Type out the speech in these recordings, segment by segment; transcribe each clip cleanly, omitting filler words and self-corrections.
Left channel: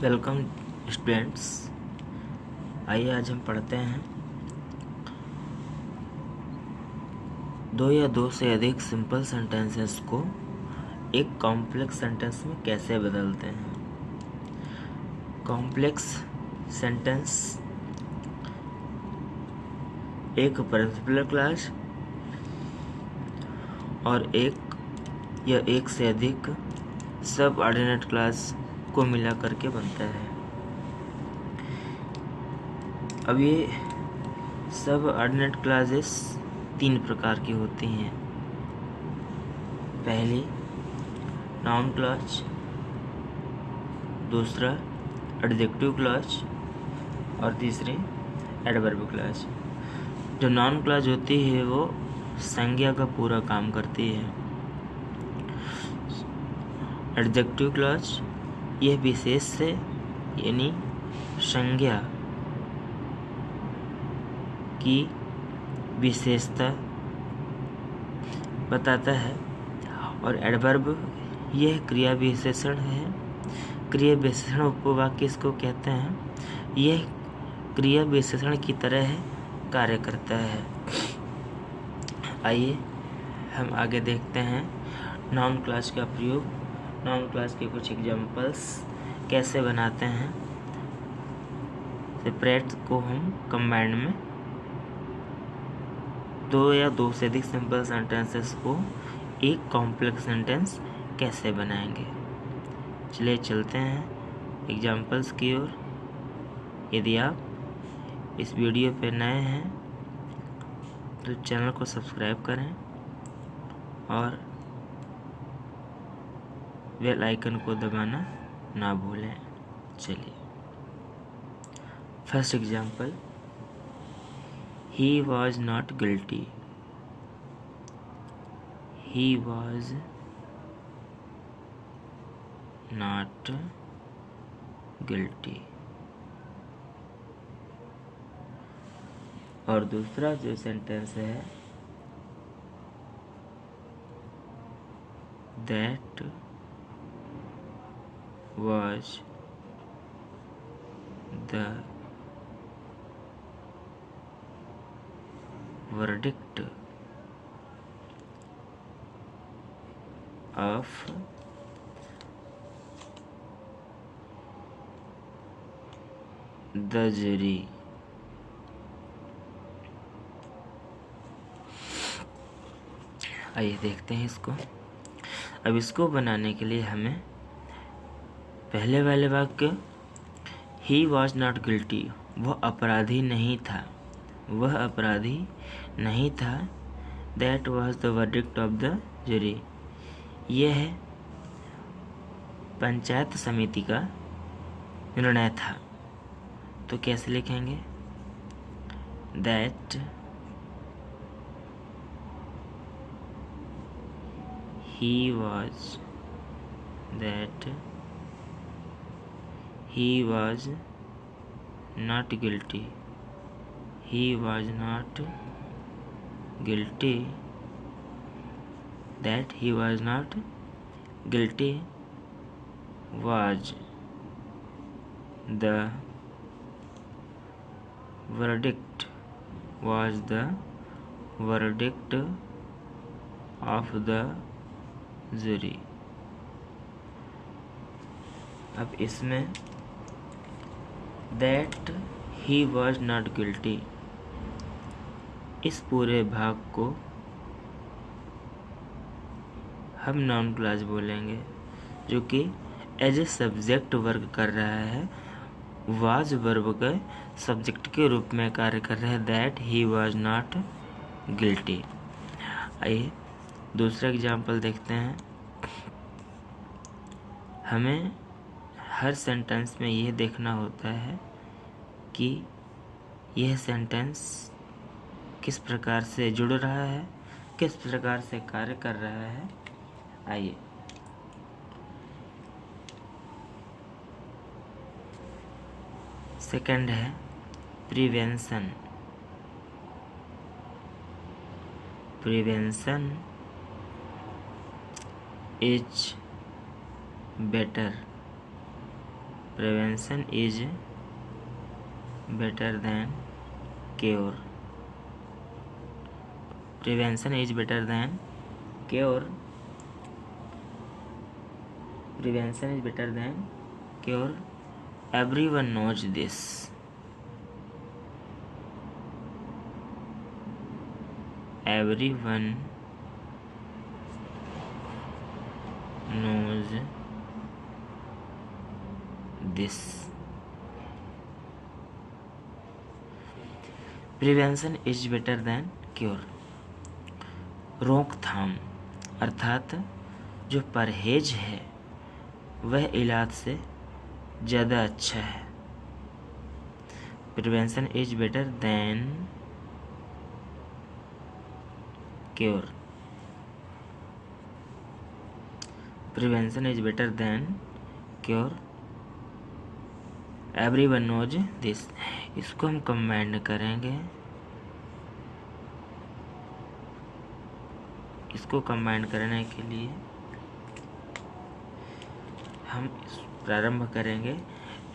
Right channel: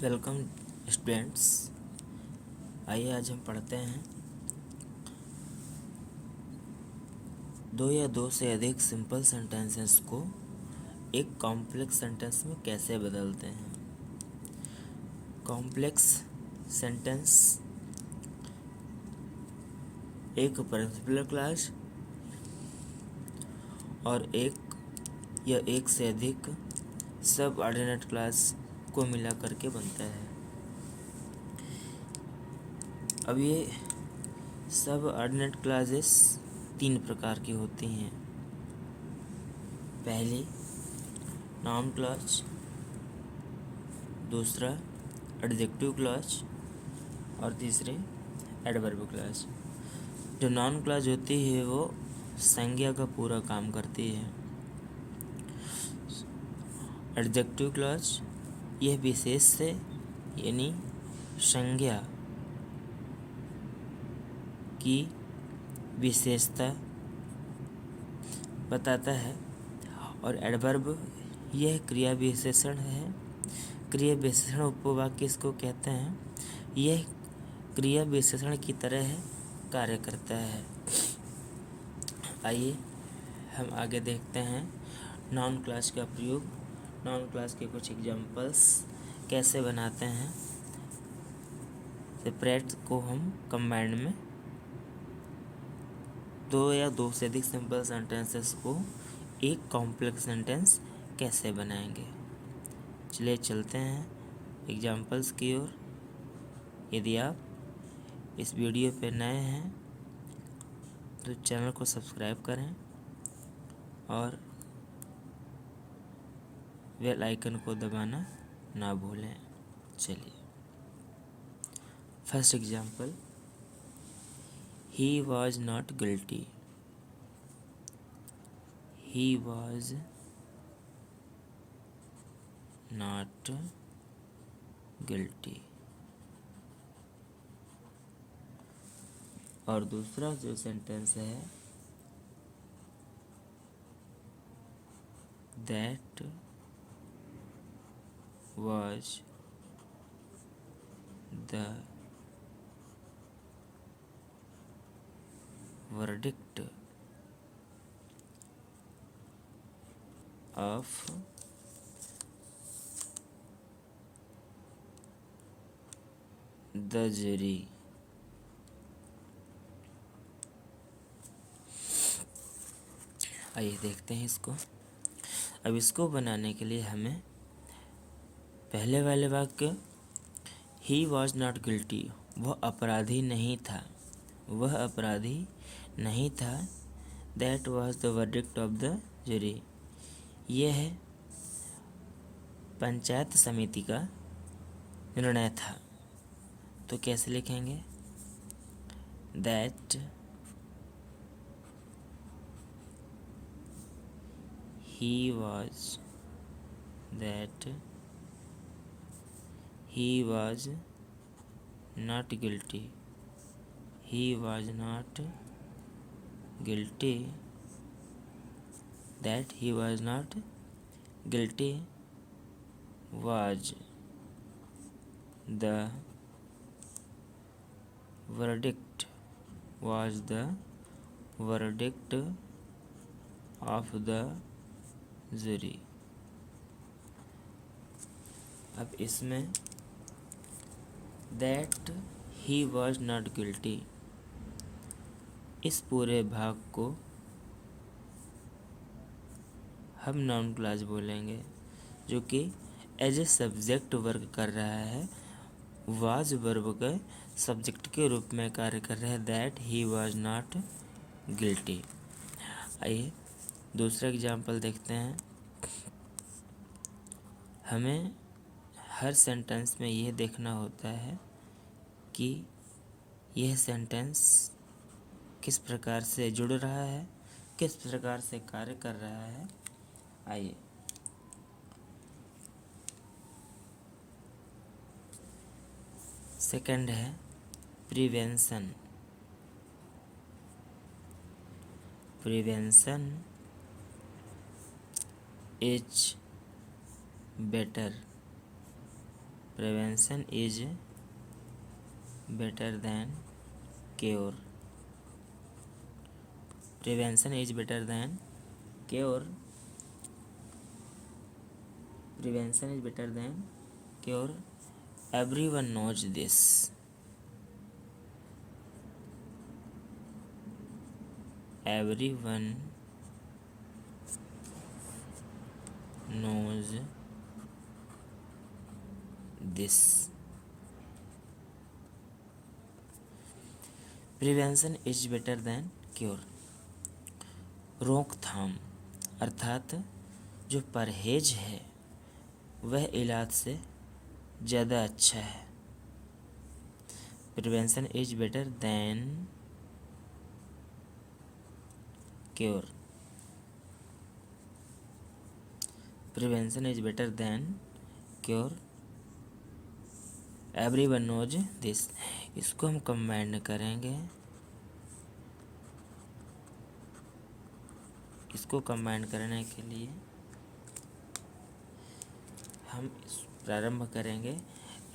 Welcome students. आइए आज हम पढ़ते हैं दो या दो से अधिक सिंपल सेंटेंसेस को एक कॉम्प्लेक्स सेंटेंस में कैसे बदलते हैं। कॉम्प्लेक्स सेंटेंस एक पर्टिकुलर क्लास और एक या एक से अधिक सब ऑर्डिनेट क्लास को मिला करके बनता है। अब ये सब ऑर्डिनेट क्लासेस तीन प्रकार की होती हैं। पहली नाउन क्लास, दूसरा एडजेक्टिव क्लास और तीसरी एडवर्ब क्लास। जो नाउन क्लास होती है वो संज्ञा का पूरा काम करती है। एडजेक्टिव क्लास यह विशेष से यानी संज्ञा की विशेषता बताता है और एडवर्ब यह क्रिया विशेषण है। क्रिया विशेषण उपवाक्य इसको कहते हैं। यह क्रिया विशेषण की तरह कार्य करता है। आइए हम आगे देखते हैं नाउन क्लास का प्रयोग। नाउन क्लास के कुछ एग्जांपल्स कैसे बनाते हैं। सेपरेट को हम कंबाइंड में दो या दो से अधिक सिंपल सेंटेंसेस को एक कॉम्प्लेक्स सेंटेंस कैसे बनाएंगे। चलिए चलते हैं एग्जांपल्स की ओर। यदि आप इस वीडियो पर नए हैं तो चैनल को सब्सक्राइब करें और बेल आइकन को दबाना ना भूलें। चलिए first example, He was not guilty. He was not guilty. और दूसरा जो सेंटेंस है, that was the verdict of the jury. आइए देखते हैं इसको। अब इसको बनाने के लिए हमें पहले वाले वाक्य ही वॉज नॉट गिल्टी, वह अपराधी नहीं था, वह अपराधी नहीं था। That was the verdict of the jury, यह पंचायत समिति का निर्णय था। तो कैसे लिखेंगे? That he was not guilty. He was not guilty. That he was not guilty was the verdict of the jury. अब इसमें that he was not guilty, इस पूरे भाग को हम नाउन क्लास बोलेंगे जो कि एज ए सब्जेक्ट वर्क कर रहा है। वाज वर्ब के सब्जेक्ट के रूप में कार्य कर रहा है। That he was not guilty. आइए दूसरा एग्जाम्पल देखते हैं। हमें हर सेंटेंस में यह देखना होता है कि यह सेंटेंस किस प्रकार से जुड़ रहा है, किस प्रकार से कार्य कर रहा है। आइए सेकंड है prevention. Prevention is better prevention is better than cure. Prevention is better than cure. Prevention is better than cure. Everyone knows this. Everyone knows this। Prevention is better than cure. रोकथाम अर्थात जो परहेज है वह इलाज से ज़्यादा अच्छा है। Prevention is better than cure. Prevention is better than cure. Everyone knows this. इसको हम कंबाइंड करेंगे। इसको कंबाइंड करने के लिए हम प्रारंभ करेंगे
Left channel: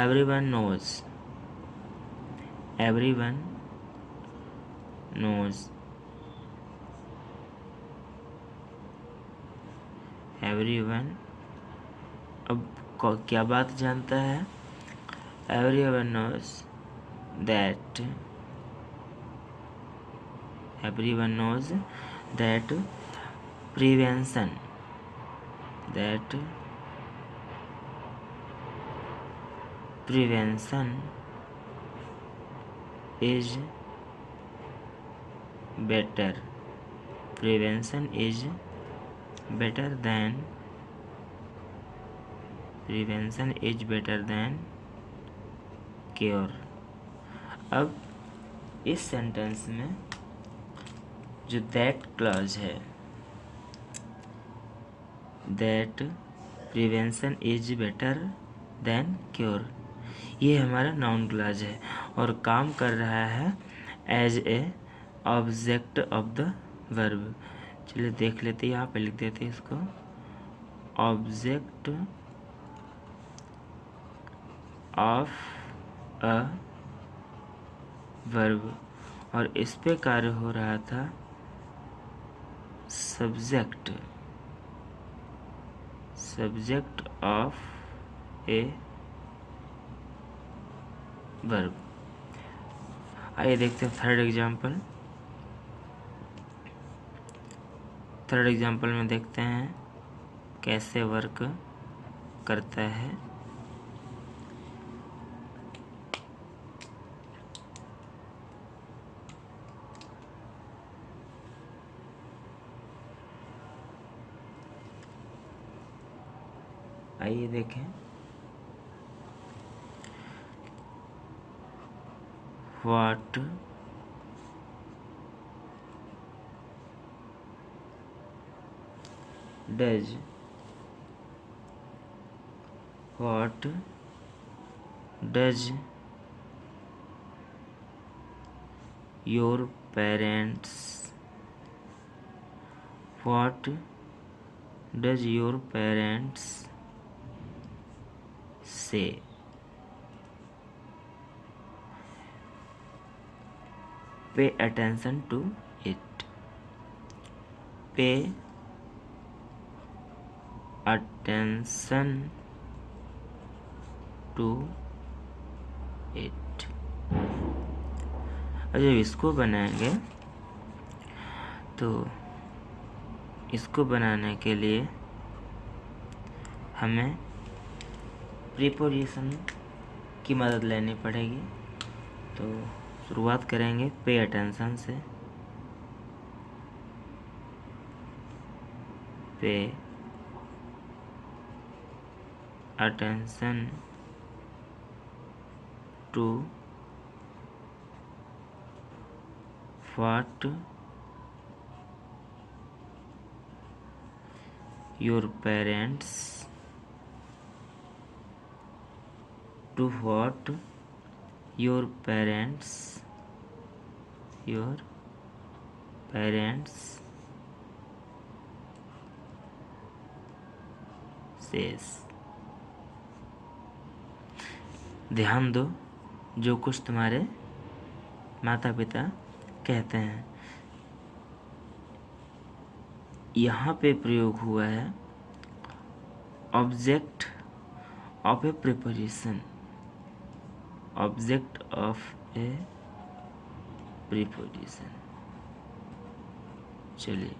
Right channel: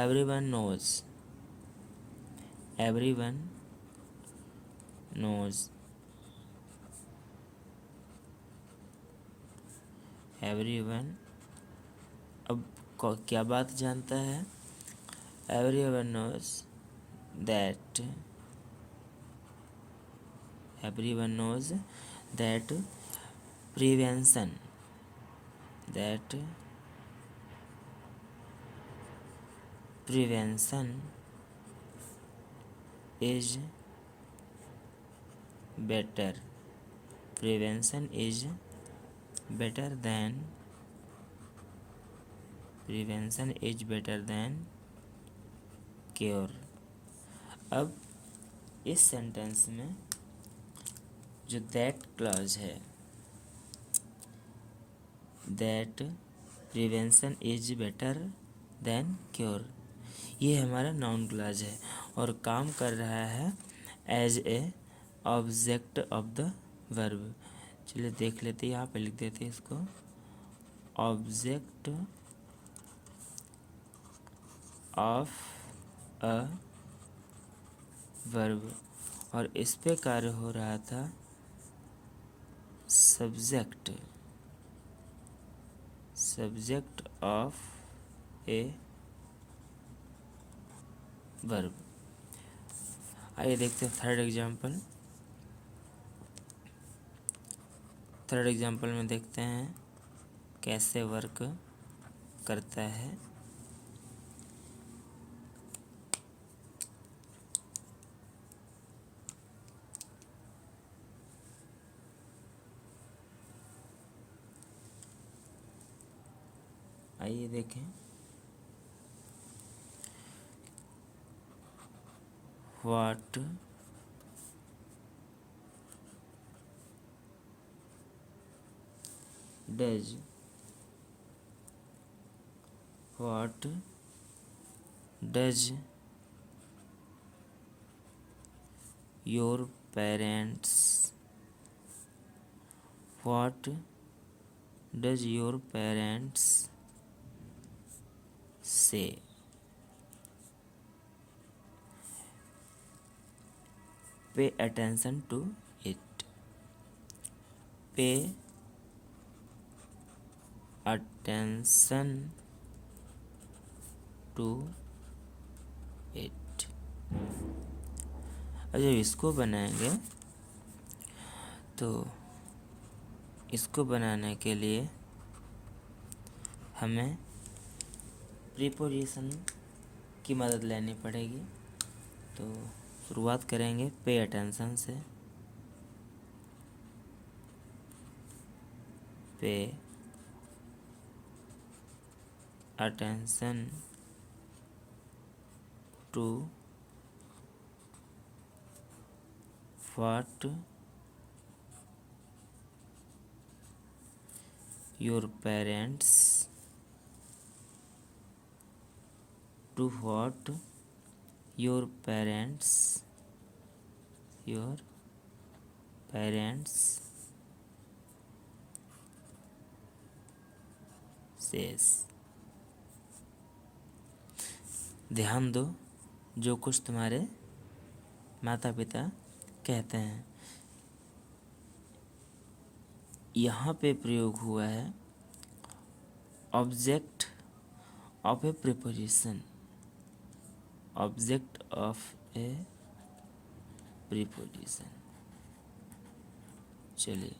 everyone knows. Everyone knows. Everyone अब क्या बात जानता है? Everyone knows that. Everyone knows that prevention. That prevention is better. Prevention is better than। prevention is better than cure। अब इस सेंटेंस में जो दैट क्लॉज है, that prevention is better than cure, ये हमारा नाउन क्लॉज है और काम कर रहा है as a object of the verb. चलिए देख लेते हैं, यहाँ पे लिख देते हैं इसको ऑब्जेक्ट ऑफ अ वर्ब, और इस पे कार्य हो रहा था subject. Subject of a verb. आइए देखते हैं थर्ड एग्जाम्पल। थर्ड एग्जाम्पल में देखते हैं कैसे वर्क करता है। आइए देखें। What does your parents what does your parents say. Pay attention to it. Pay attention to it. जब इसको बनाएंगे तो इसको बनाने के लिए हमें प्रीपोजिशन की मदद लेनी पड़ेगी। तो शुरुआत करेंगे पे अटेंशन से। Pay attention to what your parents. To what your parents says। ध्यान दो जो कुछ तुम्हारे माता पिता कहते हैं। यहाँ पे प्रयोग हुआ है object of A preposition, object of A preposition. चलिए।